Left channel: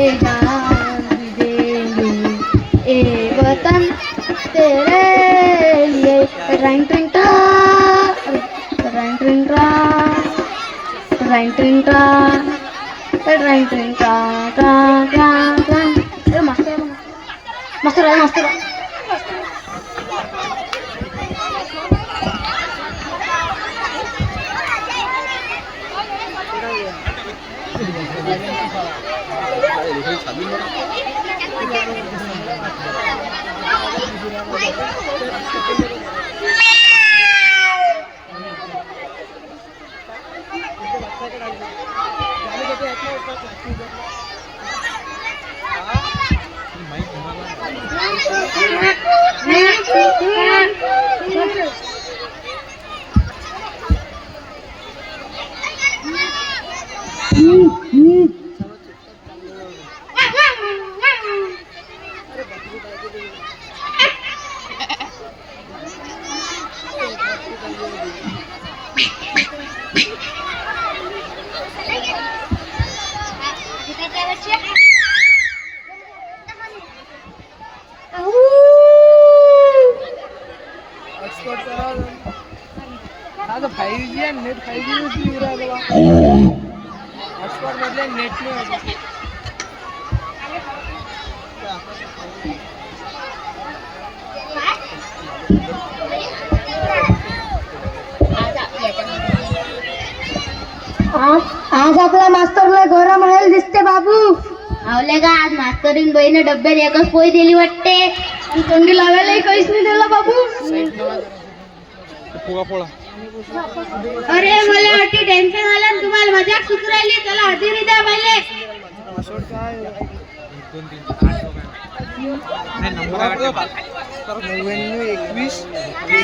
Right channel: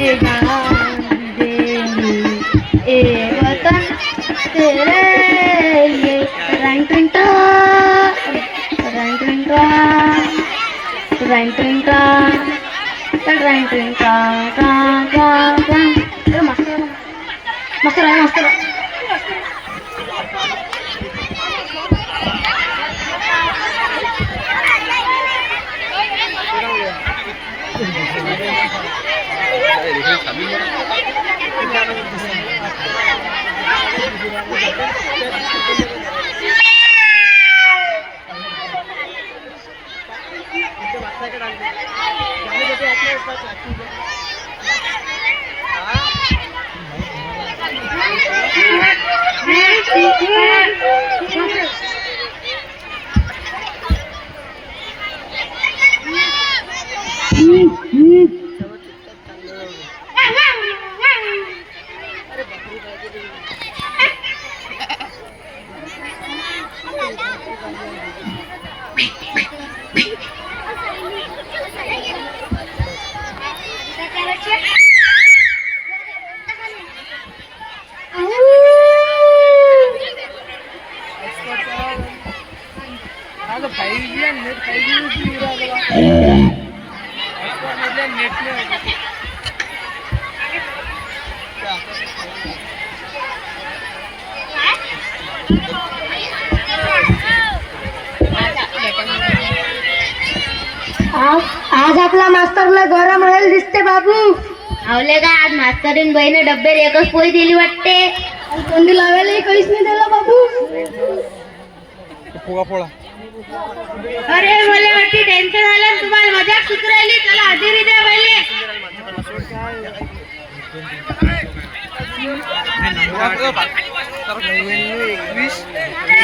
ले जान दे ए वतन तेरे लिए रैंग ट्रिंग टा रैंग ट्रिंग टा रैंग ट्रिंग टा रैंग ट्रिंग टा टा टा टा मस्त आहे मस्त आहे आज आपला मास्तरला गरम राहायला दिसते बाबू. आवले का आज मास्तरीन बहिणी डब्यात एकच पोळी दिली वाटते. थंडी लावायला काहीच नाही दिला बाबू. अरे मला वाटते टेन्शन आलं तुम्हाला मजाक सुचू राहिली. चला हजेरी द्या पहिले.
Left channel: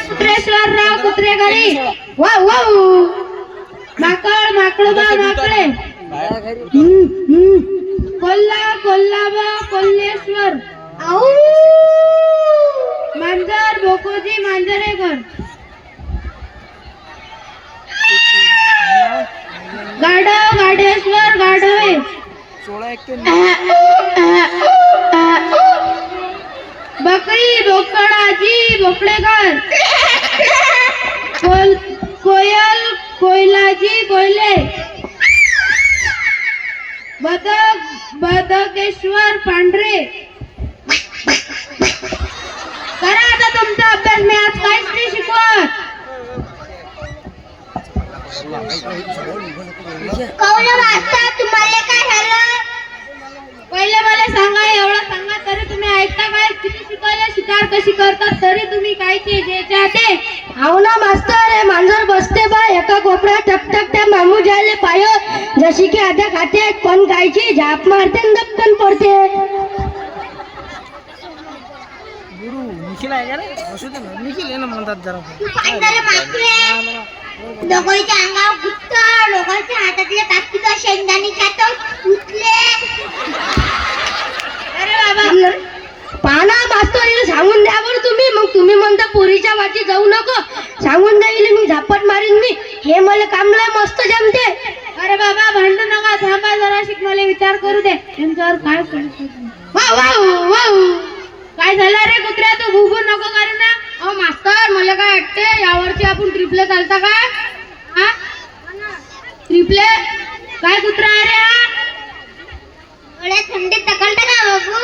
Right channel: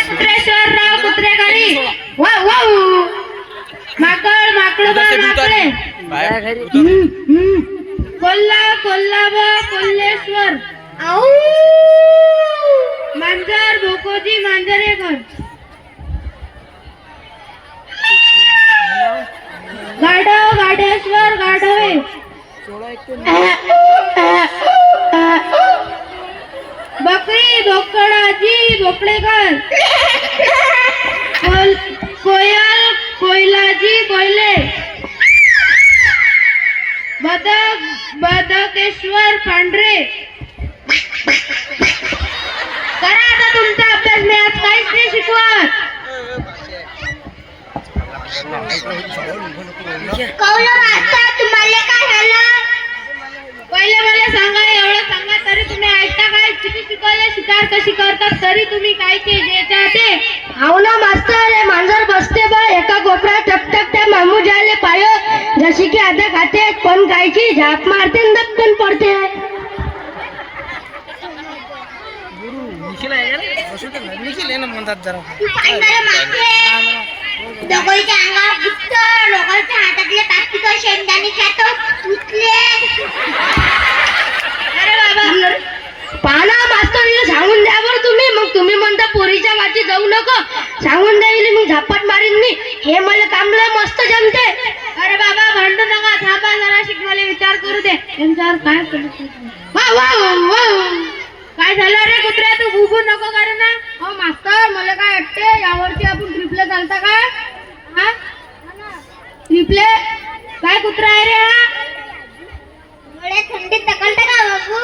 कुत्रेश्वरराव कुत्रेघरी वा वा माकड माकड माकडे कोल्हा कोल्हाबा कोल्हेश्वर आऊ मांजर बोकोजी मांजरेकर गाढव गाढेश्वर गाढवे बकरी बोकडाजी भोपळेकर कोयल कोयलाजी कोयले बदक बदकेश्वर पांढरे. करा आता तुमचा अभ्यास. मी आज काहीच नाही शिकवत. तुम्हाला काय झालं पहिले मला सांगा. एवढं सांगा तरी तुम्ही ऐकता काय. किती शिकायला शिकार कशी करतात तरी तुम्ही काय ते ते हाव ना मास्तर. हे मांजर बसते बा एका कोपऱ्यात टकटक त्या मामू जायले पाय जशी की आता खाते पण गायची झाप मारते दपकन पडते. दगोईच्या अंगावर गुप्त लोकांच्या हातातले प्लास्टिक शेंगदाणे खातो उठले. अरे बाबा पाना मास्तरीला सांगून द्या बरं तुम्ही. मग तुम्ही म्हणता पोरीच्या वाटी जाऊ नको. सांगून द्यायला मी झापट मारीन मी. हे मला कामला मस्त जमते. अरे बाबा भांडू नका. थांबा जरा शिक मला विचार करू दे. त्यांच्यावर काय काय झालं रे कुत्र्या. तू भुगू नको करे ना. हो मास्तर मला काय वाटते यावरची आपण ट्रिपले चालता का. हा ट्रिपले काय कुत्रा आहे रे हा. एवढ्या थंडीत तकलते का बाबू.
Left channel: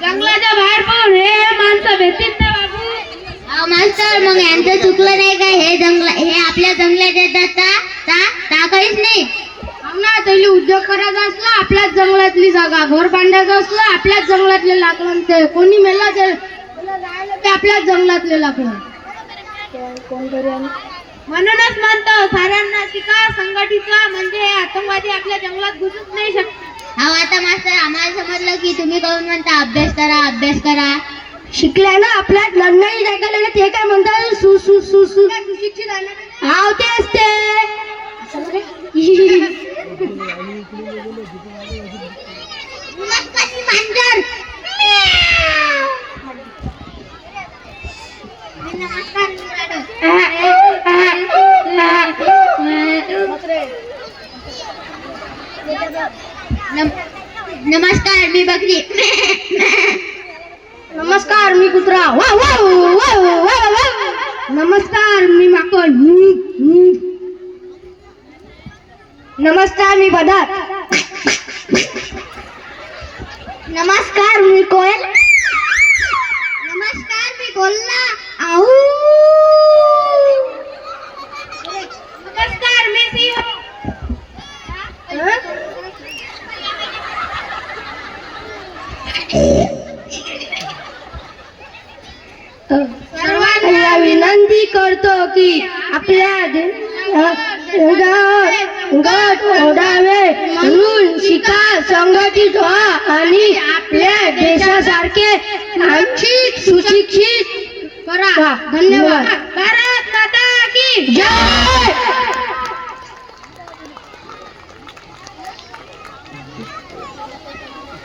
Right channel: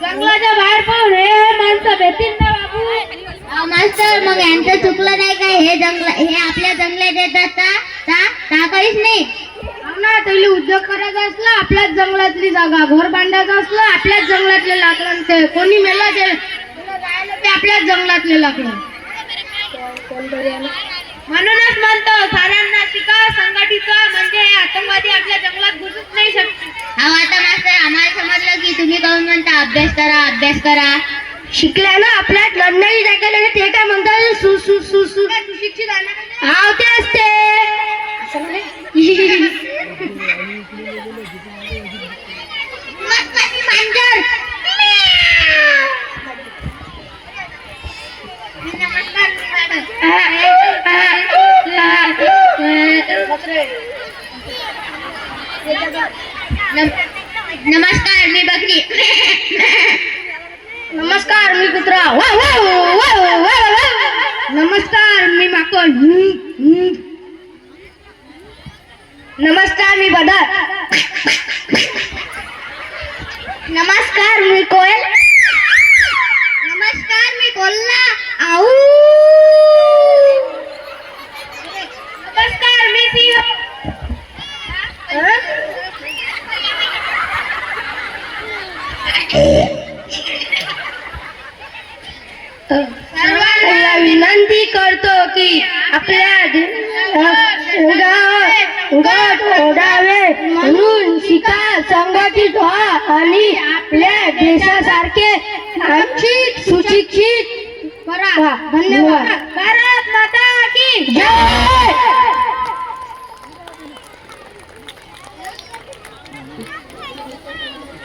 जंगलाच्या बाहेर पाहून हे माणसं भेटतील ना बाबू. मास्तर मग यांचं चुकलं नाही का. हे आपल्या जंगलात येतात का काहीच नाही. ना तरी उद्योग करायचा असला आपल्याच जंगलातली जागा. घर बांधायचं असलं आपल्याच जंगलातले लाकडं. ते कोणी मेलं ते आपल्याच जंगलातले लाकडं. म्हणूनच म्हणतो साऱ्यांना शिका संघटित म्हणजे आतंकवादी आपल्या जंगलात घुसूच नाही शकत. हा आता मास्तर आम्हाला समजलं की तुम्ही काहून म्हणता अभ्यास करा अभ्यास करा. शिकल्यानं आपल्यात लढण्याची जागा ते काय म्हणतात सु सु सु सु सुशिक्षित हा ते असते. नमस्कार मी बकरी. नमस्कार मी कुत्रा. वा वा वा वा वा. नमस्कार मी माकड. नमस्कार मी बदक. नमस्कार मी कोयल. नमस्कार मी कोल्हा. आऊ. नमस्कार मी सिंह. सर्वांना विनंती करतो की आपल्या गट ओढावे म्हणून शिका, संघटित व्हा आणि आपल्या देशासारखे आर्थिक सुशिक्षित करा. धन्यवाद. भारत माता की जय.